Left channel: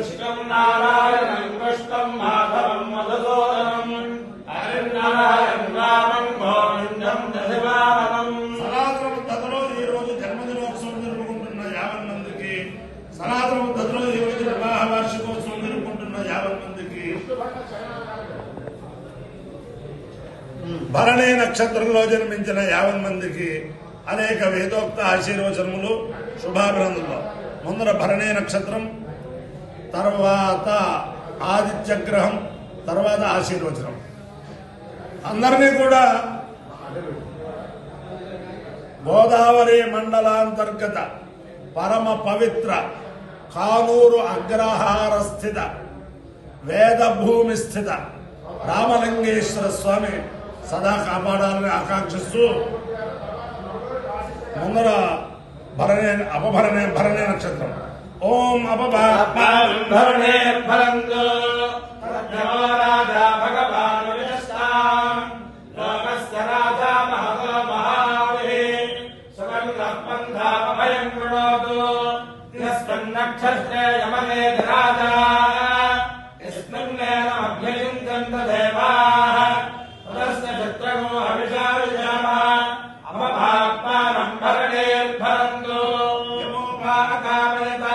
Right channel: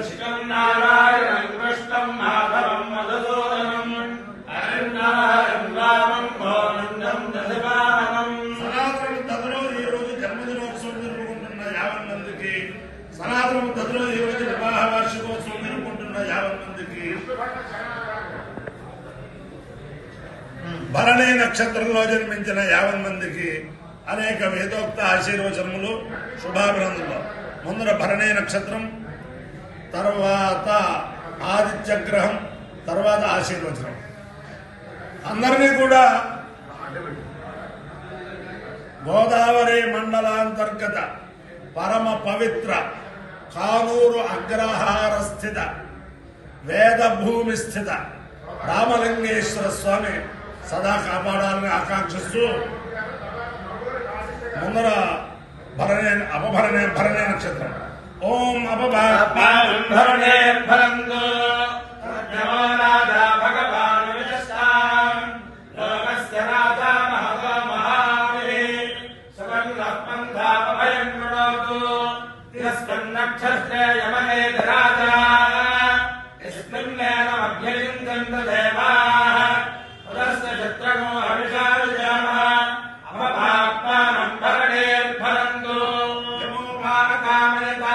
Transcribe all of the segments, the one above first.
कृष्णं नारायणं कृष्णं माधवं मधुसूदनं हरिं रामं गोविन्दं दशवाहनं సనాతన పద్ధతిలో ఈ రోజు జన్మదినోత్సవం జరుపుకుంటున్న 50 మందికి, సనాతన పద్ధతిలో ఈ రోజు వివాహ వార్షికోత్సవం జరుపుకుంటున్న 50 మందికి, భరణి నక్షత్రంలో జన్మించిన 50 మందికి అనేక వేదోక్త ఆశీర్వచనములు, శుభాభినందనలు. ముందర భరణి నక్షత్రం, తర్వాత ఆదిత్యగ్రహం, తర్వాత ఆశీర్వచనం. అందరినీ కూడా గోదావరి మండలాంతర్గత పరమ పవిత్ర కానూరు అగ్రహార స్థిత వేదభూమి స్థిత రామలింగేశ్వర స్వామి సదా కాపాడాలని ఆకాంక్షిస్తూ ముందర భరణి నక్షత్రం. ఓం భరణే ఫలంతో నమో రాజా భగవాన్ విశస్తాం లోకస్య రాజా మహతో మహావే సుగంధః పంథాపభయం కృణోతు యస్మిన్ నక్షత్రే యమనే రాజా యస్మిన్నేన అభ్యలిందంత దేవాః ఉదస్య చిత్రగో హవిషా విజామః అపభాత్మానం భరణే ఫలంతో కామయత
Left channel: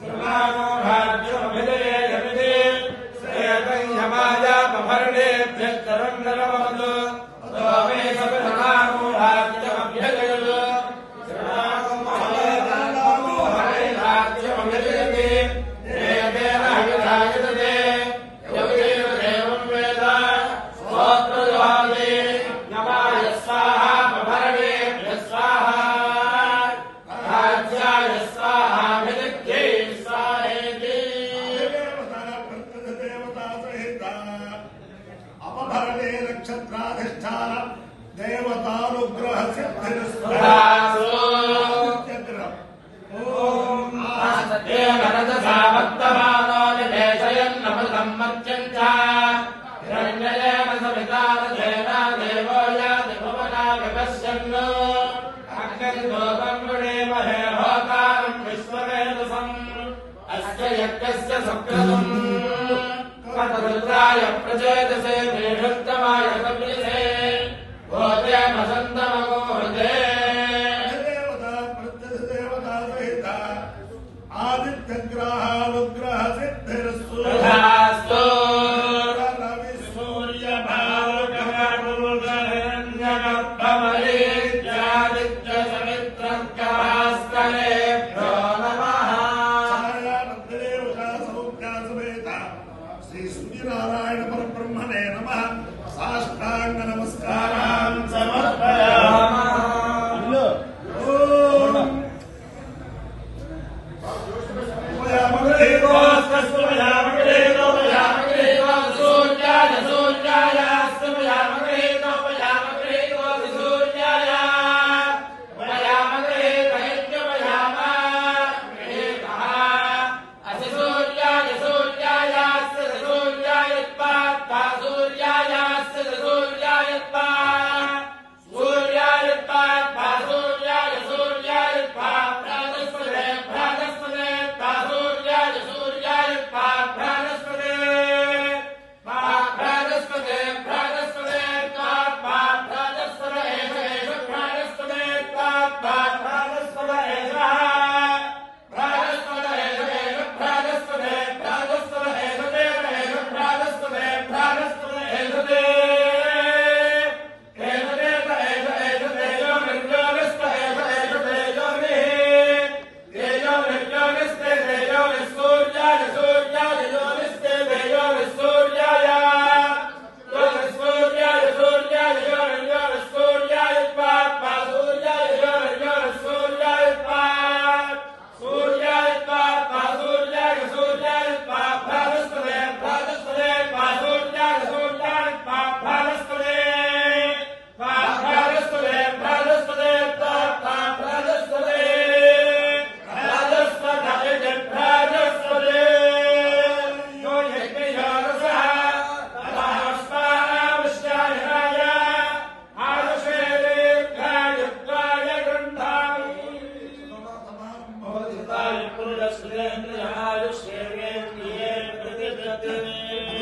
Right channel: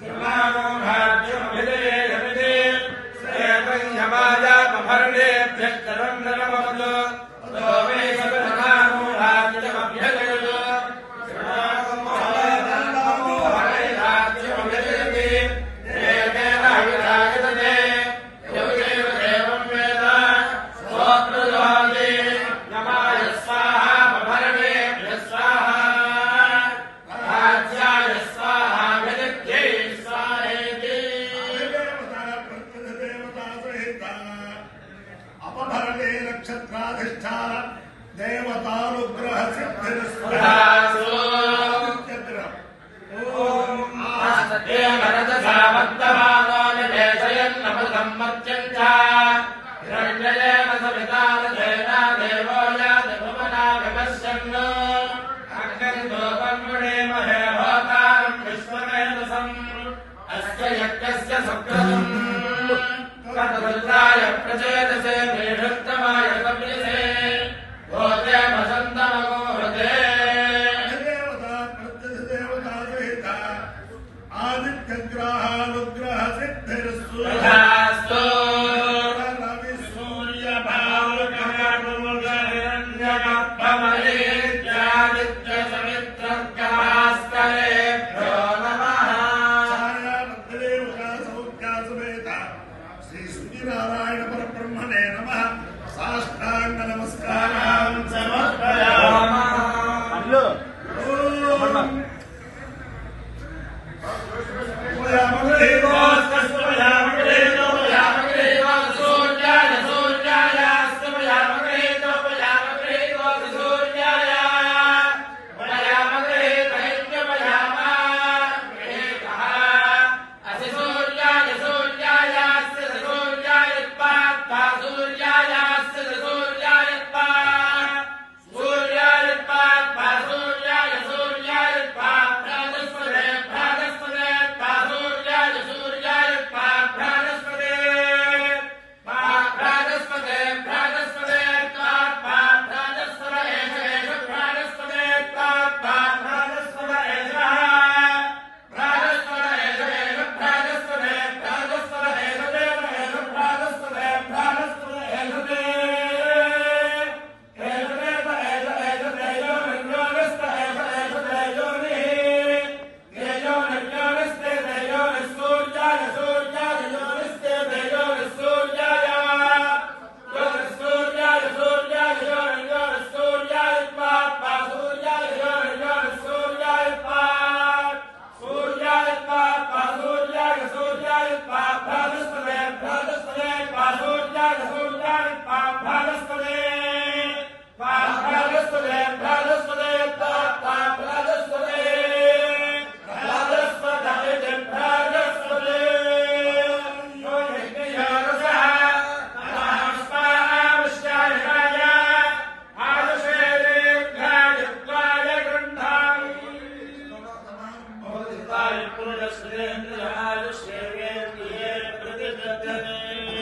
త్రినాగో భాగ్యమభిదయే యమిదే శ్రేయతం యమాయాపభరణేభ్యశ్చరం నరమవతు సోమే సకలనాగో భాగ్యమభ్యజయతు త్రినాగో భాగ్యమభిదయతే దేవేన హవిరాయతే యమదేవ దేవం వేద స్తోత్రజాతే నమాయ స్వాహా భరణేభ్య స్వాహా అపభరణే నక్షత్రాధిష్టాన దేవతానుగ్రహ రుద్రాయ ప్రచేతసే మేఘత్తమాయ కపిలే గోతే వసంతమో హృదే ఆదిత్యగ్రహానుగ్రహ సిద్ధిరస్తు రవి సూర్య భావకమరుగరణ్యగర్భమరీత్యాదిత్య సమిత్రం భాస్కరేభ్యో నమః శ్రీ సూర్యనారాయణ పరబ్రహ్మణే నమః. సాష్టాంగ నమస్కారం సమర్పయామి.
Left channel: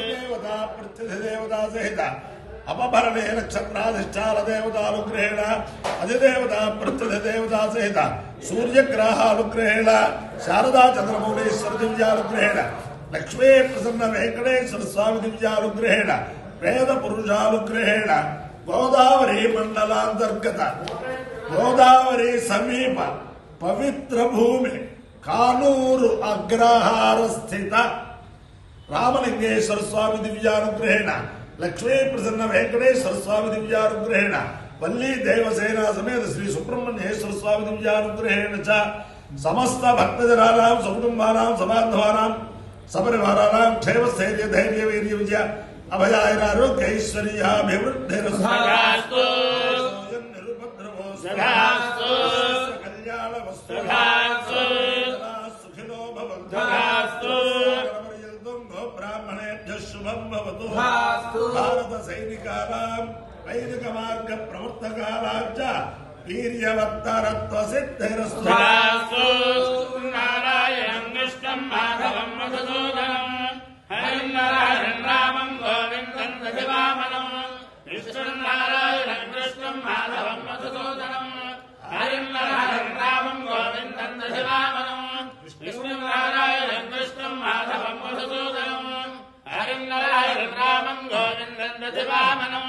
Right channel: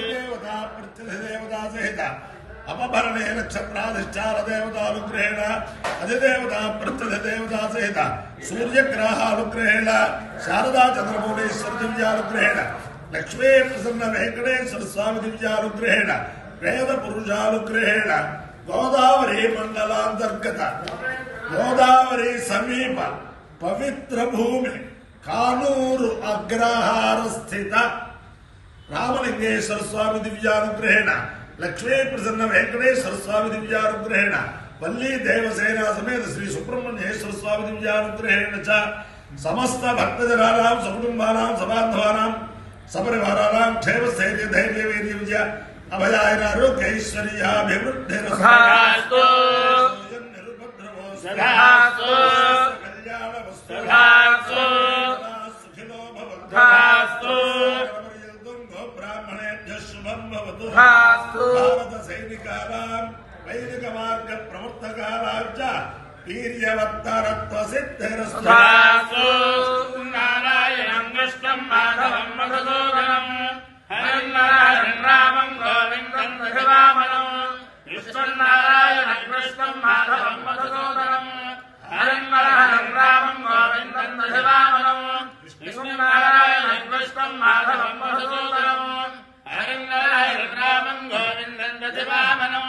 దేవతా ప్రత్యధిదేవతా సహిత అపభరణే నక్షత్రాధిష్టాన దేవతానుగ్రహేణ అధిదేవతా ప్రత్యధిదేవతా సహిత సూర్యగ్రహానుగ్రహేణ శారదా చంద్రమౌళీశ్వర దివ్యానుగ్రహేణ లక్ష్మీ ప్రసన్న వెంకటేశ్వర స్వామి దివ్యానుగ్రహేణ వేద పురుషానుగ్రహేణ గోదావరి మండలాంతర్గత గోదావరి సమీప పవిత్ర భూమి కానూరు అగ్రహార స్థిత రామలింగేశ్వర స్వామి దివ్యానుగ్రహేణ లక్ష్మీ ప్రసన్న వెంకటేశ్వర స్వామి దివ్యానుగ్రహేణ వల్లీ దేవసేన సమేత శ్రీ సుబ్రహ్మణ్యేశ్వర స్వామి దివ్యానుగ్రహేణ చ సమస్త భక్తజనానాం సకుటుంబానాం సబాంధవానాం సపరివారానాం క్షేమ స్థైర్య ధైర్య వీర్య విజయ అభయాయన ఆరోగ్యైశ్వర్యాభివృద్ధిరస్తు కళ్యాణ వస్తు సుఖినో భవంతు బ్రాహ్మణేభ్యః శుభం భవతు భారత సైనికానాం వైదిక మార్గ ప్రవర్తకానాం చ వీర్యవత్తరత్వ సిద్ధిరస్తు నారాయణం కృష్ణం మాధవం మధుసూదనం హరినారాయణ రామం గోవిందం దశవామనం విష్ణునారాయణం కృష్ణం మాధవం మధుసూదనం హరినారాయణ రామం గోవిందం దశవామనం విష్ణునారాయణం కృష్ణం మాధవం మధుసూదనం హరినారాయణ రామం గోవిందం దశవామనం